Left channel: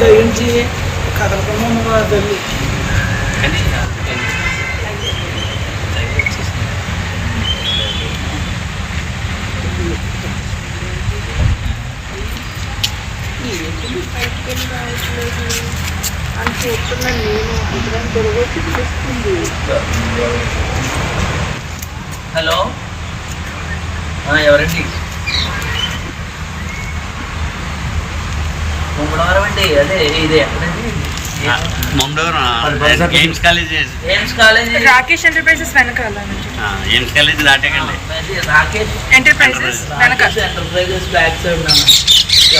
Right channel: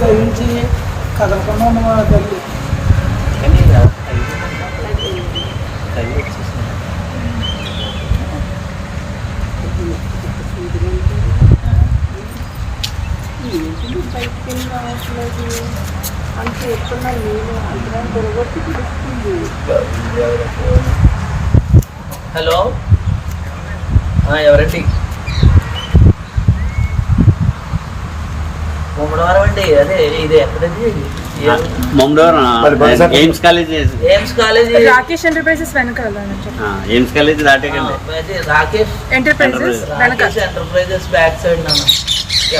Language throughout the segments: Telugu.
దయించి కదలకుండా తల్లి అని చూస్తున్నాను నేను గొడవచ్చి పిలుస్తుంది. హలో, ఎవరండి? ముమ్మడవరం అండి. అదే ఇది ఎక్కడండి? ఎయిమ్స్ కాలేజ్ రాకేష్ ఎంటర్ప్రైజెస్ వెనకాల ఎయిమ్స్ కాలేజ్ దాటకండి. Rakesh enterprises enterprises back side.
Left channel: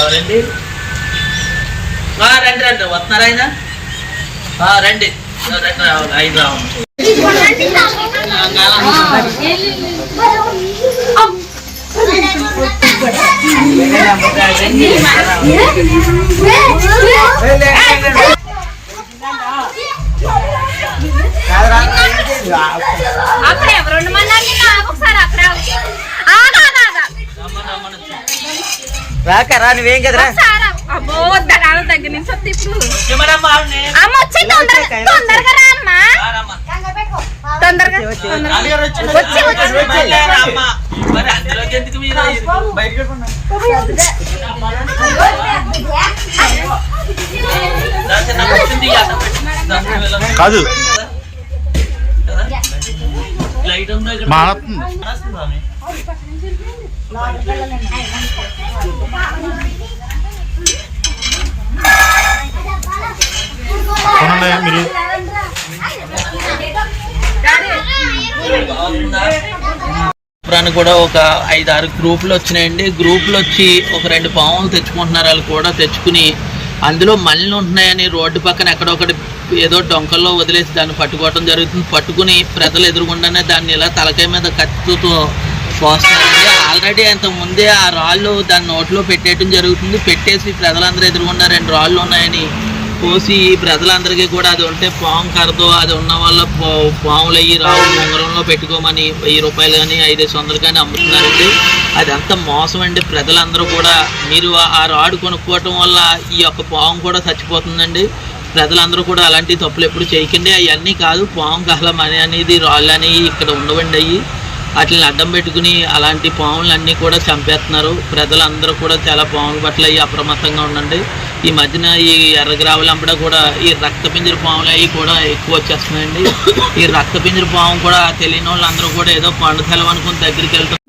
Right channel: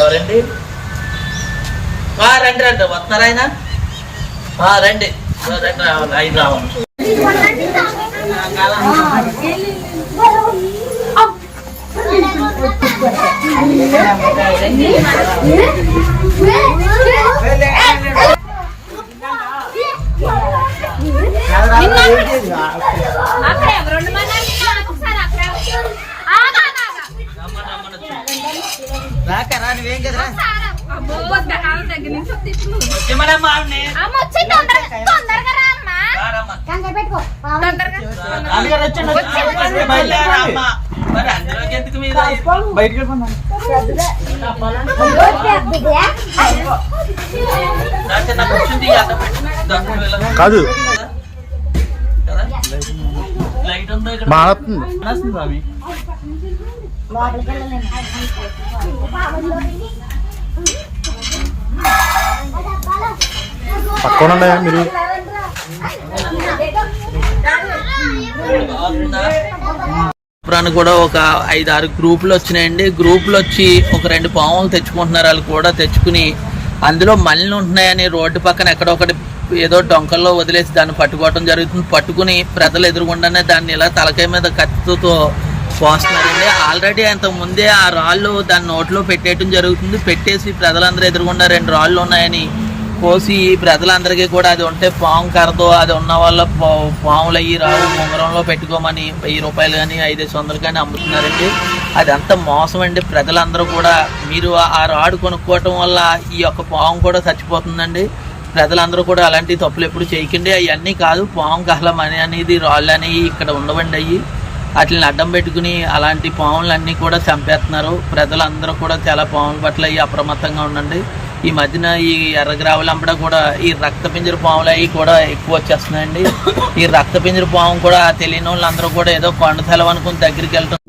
ఎవరండి? రండి రండి. వస్తున్నారా ఆయన? రండి ఐదు రావండి. అక్కడ ఎవరు ఒకసారి అక్కడ రాకరా నువ్వేం కదరా అమ్మో దగ్గర నుంచి వస్తే ఇప్పుడు కాదు లైట్ ఉందో ఇక్కడ మారుతుంది. పక్కన మీరు కూడా ఒక 5-6 గ్రూపులు వచ్చినాయండి. గ్రూపులు వచ్చి ఒక 2 పాములు తెచ్చుకుంటున్నారు. వాళ్ళు కూడా తెచ్చుకుని అందులో మళ్ళీ ఉంటున్నాయని రోడ్డు పక్కన ఎక్కడొకటి ఏదో డొంకల్లో వదిలేసి దాన్ని పట్టుకోవడం జరుగుతుంది. పట్టుకుని ప్రజలు ఎదురుగుండానే దాన్ని ఇలా తలకాయ మీద కత్తితో పోస్తున్నారండి. ఆల్రెడీ అంతకుముందే ఆ రాళ్ళు దాని నోట్లో పెట్టేయడం జరుగుతుంది. పెట్టేసి ప్రజలందరూ ఎదురుగుండా 2 రాళ్ళు ఉన్నాయని పోసి ప్రజలందరికీ కూడా అది ఉంటే పాము కరదో అది ఉన్న వాళ్ళ పాములు అయ్యి రావు ఉంగరంలో పెట్టుకోమని 1000 రూపాయలు కానీ 500 కానీ అమ్ముతున్నారండి. అది అంత మోసం అండి. ప్రజలందరూ కూడా మీరు ఆ రాడు కొనుక్కోవటం వల్ల ఈ యొక్క పాము కూడా చచ్చిపోతుందండి. ప్రజలందరూ కూడా అలాంటి తప్పులు ఎప్పుడు చేయకండి. అవన్నీ కాదు, పాము కహలం అనేది రాళ్ళు అనేవి ఇక్కడ ఉండవండి. అయ్యి వాటిని అడ్డం పెట్టుకుని అలాంటి పాములన్నీ కూడా చంపేస్తున్నారు. ప్రజలందరూ కూడా చాలా పాముల పట్ల అయ్యి అప్రమత్తంగా ఉండండి. ఈ మధ్యన ఈ ఎర్రగ్రావులు అంబడ కూడా ఈ రక్తపింజర పాములు అవి కూడా ఎక్కువ వచ్చేస్తున్నాయండి. ఈ రక్తపింజర పాము కూడా తెలియని వాళ్ళందరూ కూడా ఏదో కొండ సెలవు అనుకుని దగ్గరికి వెళ్తాం.